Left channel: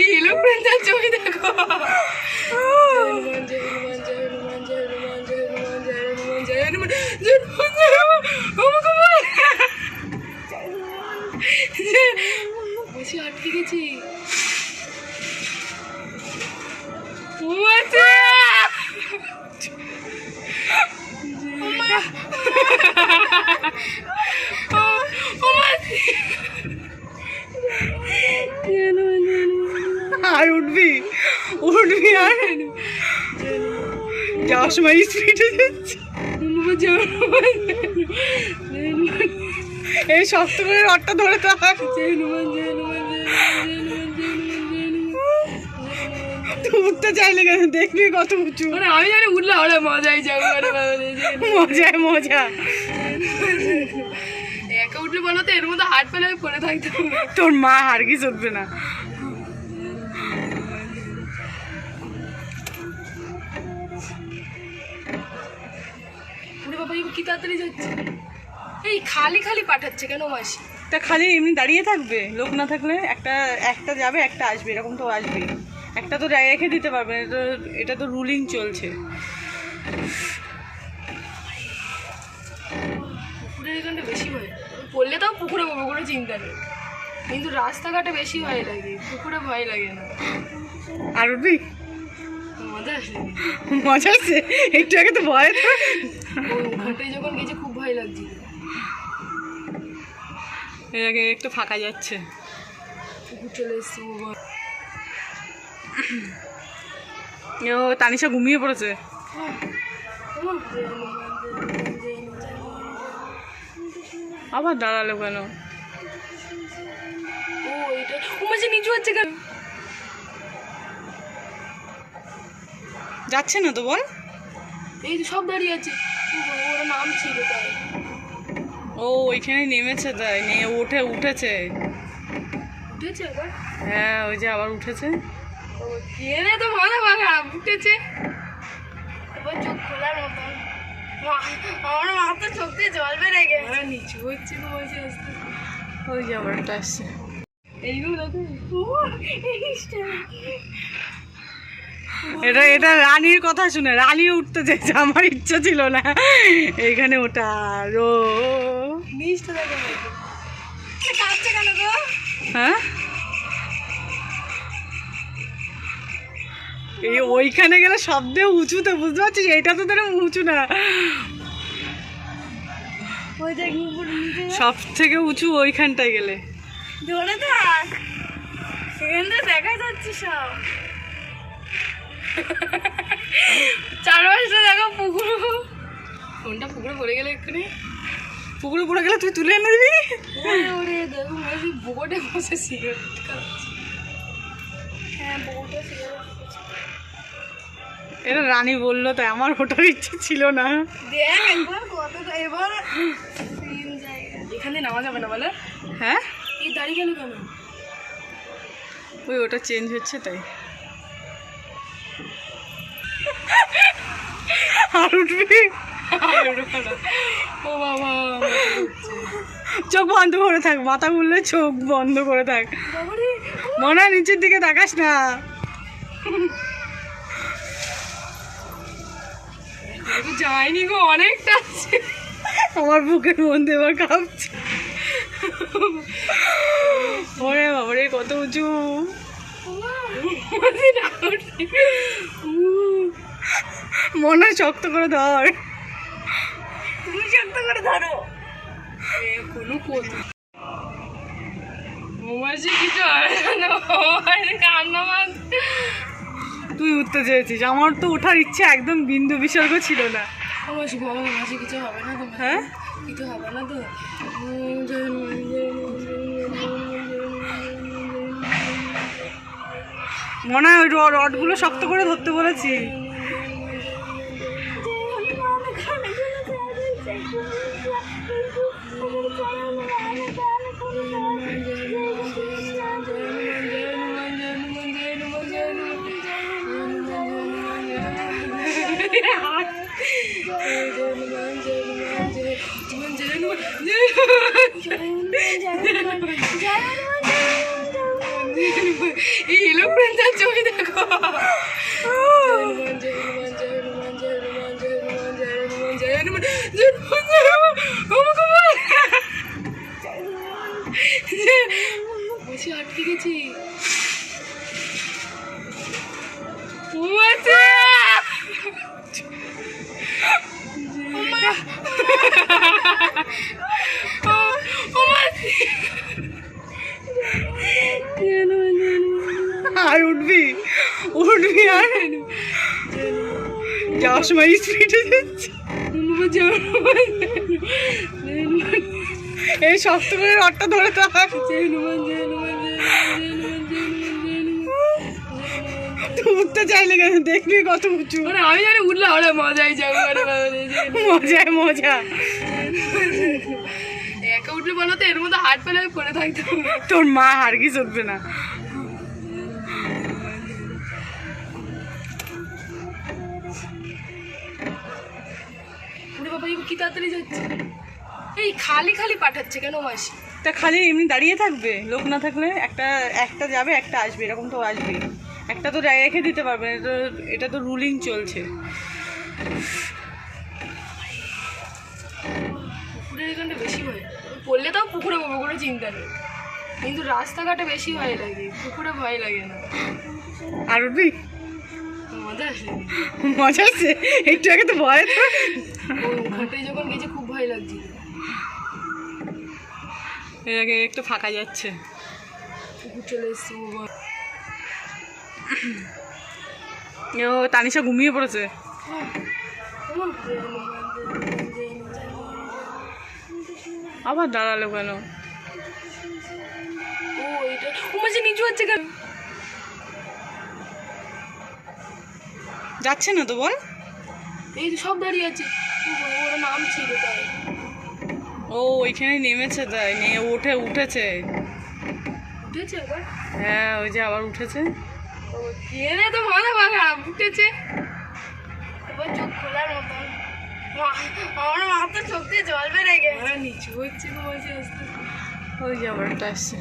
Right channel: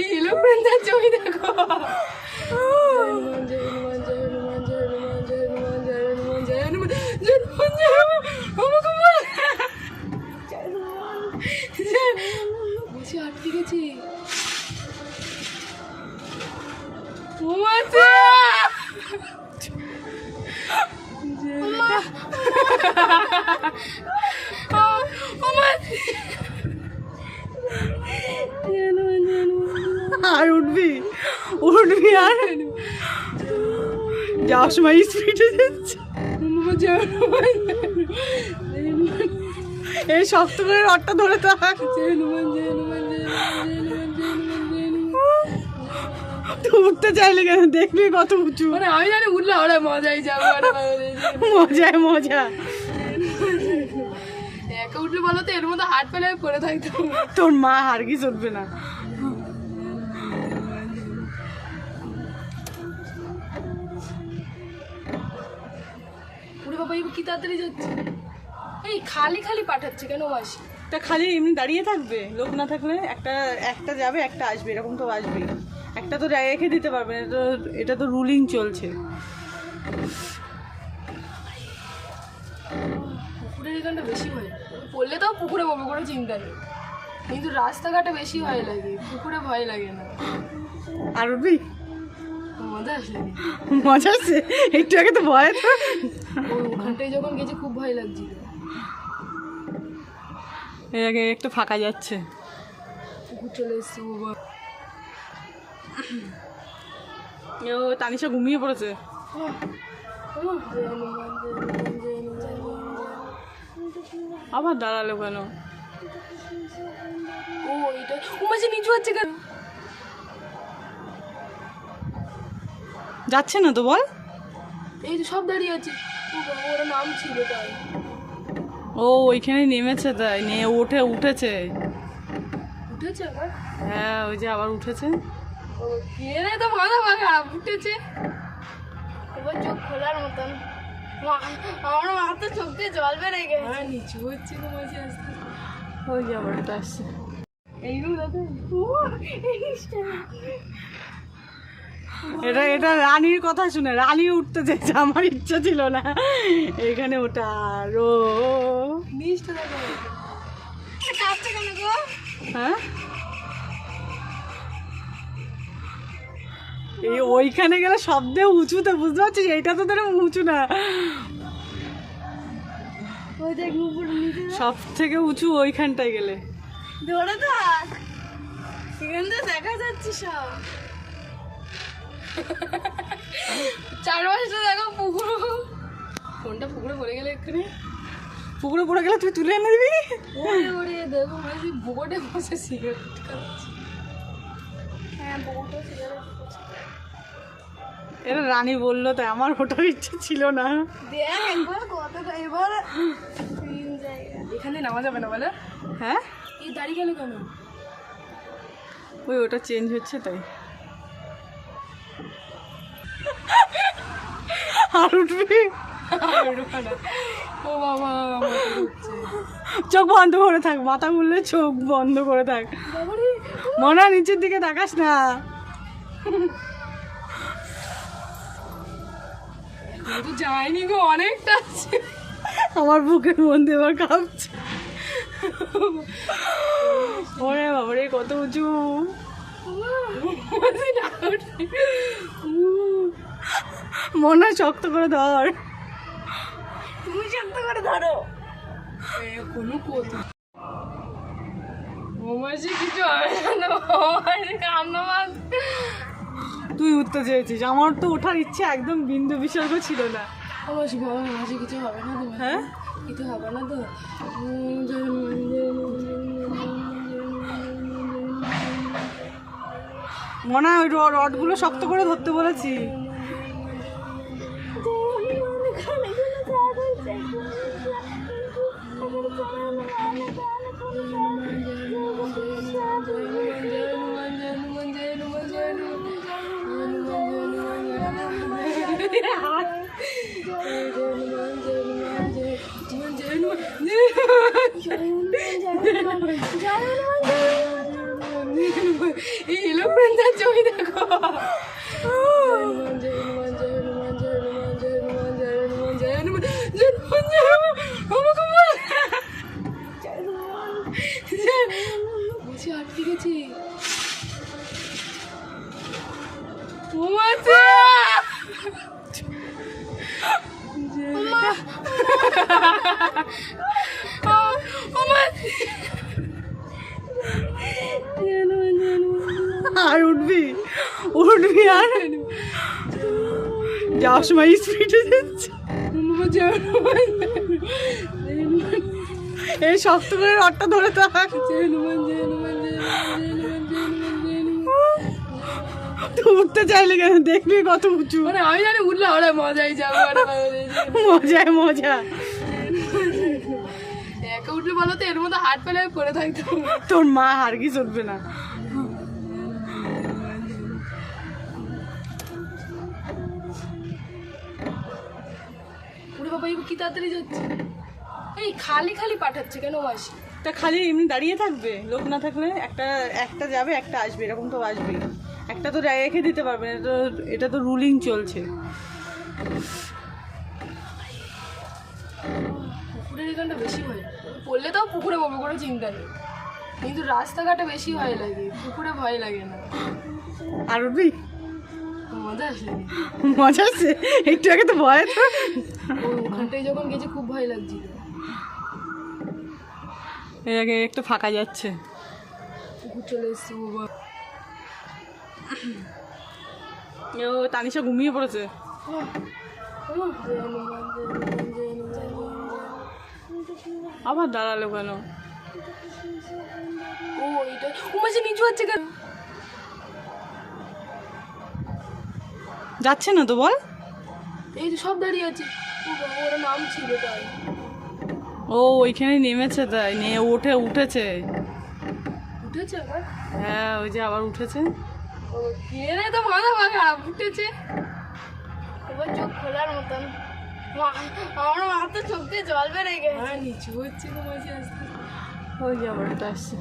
এই লোকটার ছবি দেখো। বসে আটকে গেছি। আর উঠবি উঠবি আর যাওয়ার সময় স্পিডে যাচ্ছে। এই শক্ত করে রডটা ধরে থাক। উঠতে চাইলে কেন? দেখবি কত উঁচু। আমি জানি উঠলে ওরা মজাই যাবো। মজায় মজা। একে উঠলে বলো তো এর মধ্যে হাত পেলে পড়ে থাকতাম। তোর মা হারগিস উঠবে না। উড়ে বাবা কি তাড়াতাড়ি যাচ্ছে। এই খালি খালি পাঠাচ্ছে কেন মাসি? তা খালি এমনি দাঁড়িয়ে থাকবে? লোক না থাকলে একটা যাবে একটা আসবে, এরকম তো আসবেই। একটা তো রেখে দিতে পারবে না, এটা তো রুলিং চলছে। পুকুরের এখানটা বেশি ভয়, পড়লে তাও পুকুরে বলবো কোনো চিন্তা নেই, কিন্তু রাস্তাঘাটে বেশি ভয় লাগে, পুকুরে ভয় লাগে না। আর উঠবি? মজা আসে, মজা আসছে একটু আগে তো ভয়। তো ওখানটায় যখন গেছে খুব ভয় লাগছিল। এর আগে একটু ফাঁকা যাচ্ছে, পুকুর চলে এসছে। ও তানিশা ঘুমিয়ে পড়েছে। আবার দাঁড়ালো কেন? ও এটা মাঝে নিচু হচ্ছে কেন? যাচ্ছে না তো বল। এই তো সব দাঁড়িয়ে আছে, ওরা নাম ছিল তাই। ও ওইখানে নেমেছে, তাই নিয়ে উঠেছে আবার। হ্যাঁ ওই যে আবার উঠেছে। ও কে তো মজা ভাঙা উঠেছে, এবার চোখ খোলার মতন। আমার মাথা চোখ দিয়ে জল বেড়ে গেছে, নিচু হচ্ছে তো মাঝে আসতে। ওই যে আবার একটা আসছে। এইগুলো দেখো, এটা রানীর কথা শুনে রানী উঠতে চাইছে, আমার ইচ্ছা ছিল না এইখানে ওঠার। ও নিচটা দেখো কাঁপছে কেন গো? হ্যাঁ এই ওইখানে গেলে শব্দে উঁচুতে, বুঝতে পারছিস? এইটা তো তোর উঁচু না, ওই দেখ সব থেকে উঁচু ওইখানটায় গেলে। ধরে থাক, এখান থেকে দেখা যাচ্ছে সব। চারপাশটা দেখো পুকুর, কোনটা পুকুরে পড়ে গেলে এক্ষুনি। পুকুরে পড়ে গেলে তুই তুলে এনে দিবি? ওরে দেখো মাঝে বোটে বসে সিগারেট খাচ্ছে। হ্যাঁ বোটে সিগারেট খাচ্ছে। এটা রানী বললো তাই, আমার ওঠার ইচ্ছে ছিল না। দেখ একবার কতটা, এবার তিন জায়গা এখানে নামা যাবে না বলে। হ্যাঁ এই দাঁড়িয়ে গেল কেন? ওই ওটা চেঞ্জ হচ্ছে তাই। আর উঠবি? ও বাবা চোখ বন্ধ করে থাক, মাথা ঘুরলে চোখ বন্ধ করে থাক। মনে হয় নিচের দিকে তাকাস না। যায়নি গো, অনেকটা আছে। আমার বুকের মধ্যে এবার কাঁপছে। ওরে বাবারে কত উঁচু! মনে হয় শক্ত করে ধর। তুমি শক্ত করে ধরো। কোনো কথা কিছু কান্না। তুই উঠতে চেয়েছিস, আমার তো ওঠার ইচ্ছে একদম বিন্দু বিসর্গ ছিল না। মাসি বাবা মাসি কিছু হবে না তো? হ্যাঁ কিছু হবে না তো? মনে হয় ওই রডগুলো শক্ত করে ধরতে বলেছি। এই ইলোপ্রেন্টার ছবি দেখো। বসে আটকে গেছি। আর উঠবি আর যাওয়ার সময় স্পিডে যাচ্ছে। এই শক্ত করে রডটা ধরে থাক। উঠতে চাইলে কেন? দেখবি কত উঁচু। মানে আমি জানি উঠলে ওরা মজাই যাবে। মজায় মজা। একা উঠলে বলো তো এর মধ্যে হাত পেলে পড়ে থাকতাম। তোর মা হারগি চলবে না। ওরে বাবা কি তাড়াতাড়ি যাচ্ছে। এই খালি খালি পাঠাচ্ছে কেন মাসি? তা খালি এমনি দাঁড়িয়ে থাকবে, লোক না থাকলে একটা যাবে একটা আসবে, এরকম তো আসবেই। একটা তো রেখে দিতে পারবে না, এটা তো রুলিং চলছে। পুকুরের এখানটা বেশি ভয়, পড়লে তাও পুকুরে পাবো কোনো চিন্তা নেই, কিন্তু রাস্তাঘাটে বেশি ভয় লাগে, পুকুরে ভয় লাগে না। আর উঠবি? মজা আসে, মজা আছে একটু আগে তো ভয়। তো ওখানটায় যখন গেছে খুব ভয় লাগছিল। এর আগে একটু ফাঁকা যাচ্ছে, পুকুর চলে এসছে। ও তানিশা ঘুমিয়ে পড়েছে। আবার দাঁড়ালো কেন? ও এটা ও মাঝে নিচু হচ্ছে কেন? যাচ্ছে না তো বল। এই তো সব দাঁড়িয়ে আছে। ওরা নাম ছিল তাই। ও ওইখানে নেমেছে, তাই নিয়ে উঠেছে। উঠেছে আবার? হ্যাঁ ওই যে আবার উঠেছে। ও কে তো মাথা ভাঙা উঠেছে, এবার চোখ খোলার মতন। আমার মাথা চোখ দিয়ে জল বেড়ে গেছে। নিচু হচ্ছে তো মাঝে আসতে। ওই যে আবার একটা আসছে।